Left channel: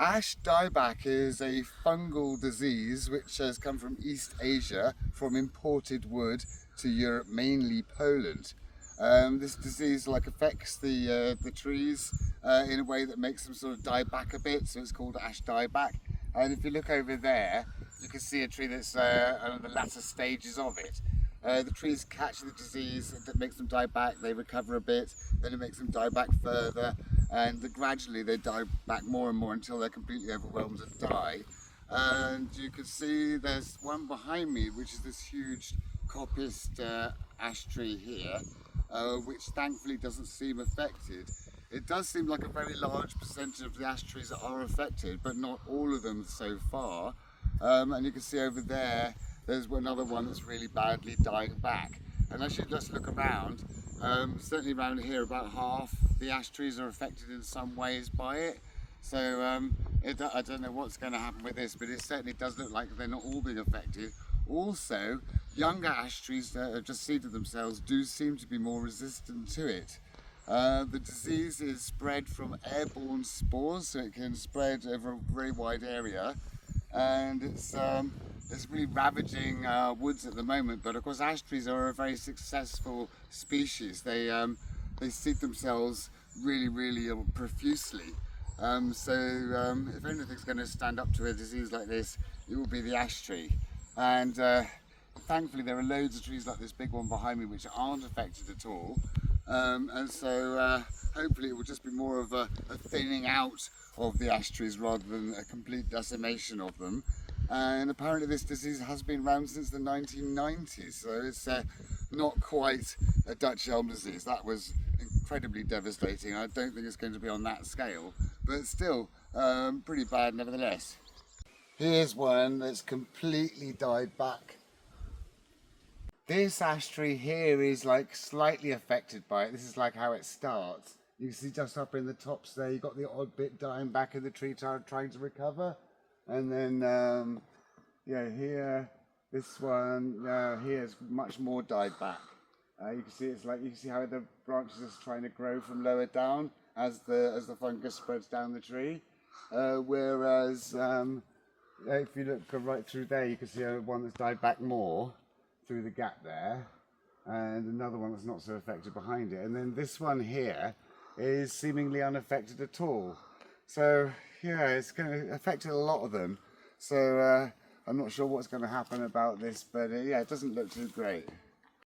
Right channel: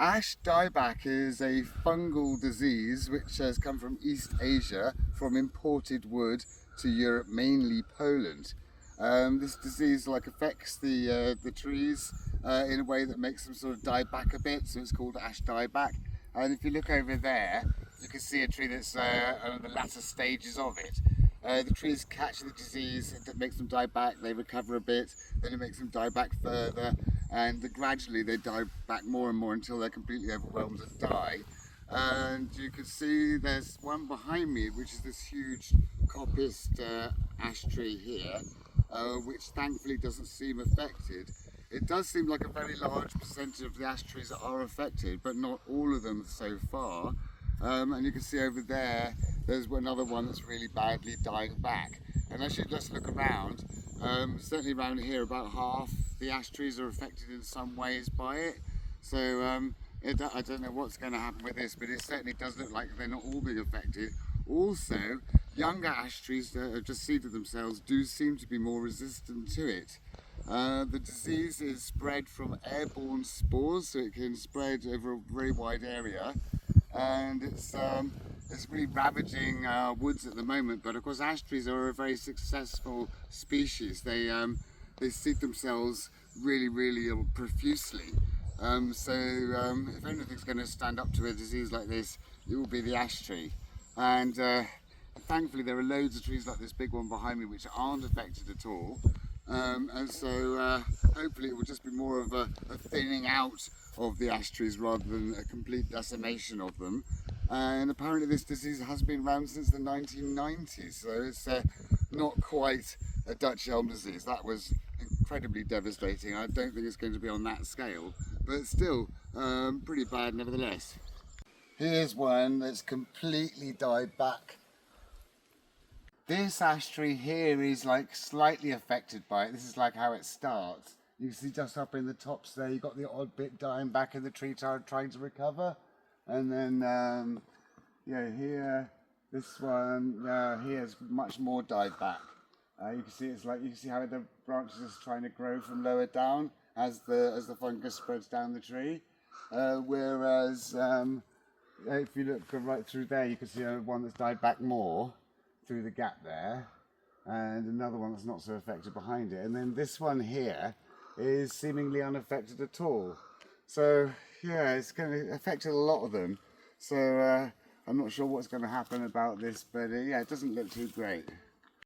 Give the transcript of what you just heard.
Ash dieback is a fungal disease which has come from East Asia from imported wood to Europe, mainly Poland. This disease affects the trees in a way that makes them sort of die back a bit, so it's called ash dieback. And if you look over there, you can see a tree that's on the latter stages of it. The trees catch the disease, that makes them die back, they recover a bit, then it makes them die back further, and gradually they die back more and more until they're completely overwhelmed and die. And you can see there's one behind me, which is this huge coppiced ash tree here, which thankfully doesn't seem affected. It does seem like a very large percentage of the ash trees that are affected, but not all of them so far. And you can see over there, there's another one that's really badly dying back. And as you just look around, certainly around here, about half the ash trees are affected in some ways by it. So I don't know what's going to happen with this, but it certainly does look like they're not all being affected. Also, younger ash trees that have just seeded themselves do seem to be more resistant to it. The disease is spread from airborne spores, so it can spread over a very wide area, and it's really ravaging woods at the moment. But of course, ash trees are a very successful species. They seed themselves really profusely. So if anything's going to stand up to a disease like this, it will be the ash tree. And thankfully, there are loads of trees like this big one behind me which aren't affected at all. And so hopefully it will just be more of a thinning out of the ash trees rather than a complete decimation of them. And apparently this disease has been around since the 1990s, so it's not quite a Dutch elm disease. That was incredibly devastating. I don't think it's going to be on that scale, but still pretty bad nevertheless. Here's one that's completely died back. This ash tree here is slightly affected by it. This is how it starts. You can see just up in the tops there, you've got the odd bit dying back in the tree trying to recover. And then, here, this one here is much more died back. You can see you can see how the branches is trying to grow from lower down as the fungus spreads down the tree. Whereas if you look right through there, you can see one that's died back more through the gap there, and another one that's not so affected behind it. And then this one here is seemingly unaffected at all. So yeah, it's going to affect a lot of them. So I'm not sure what's going to happen about this, but yeah, it doesn't look too great.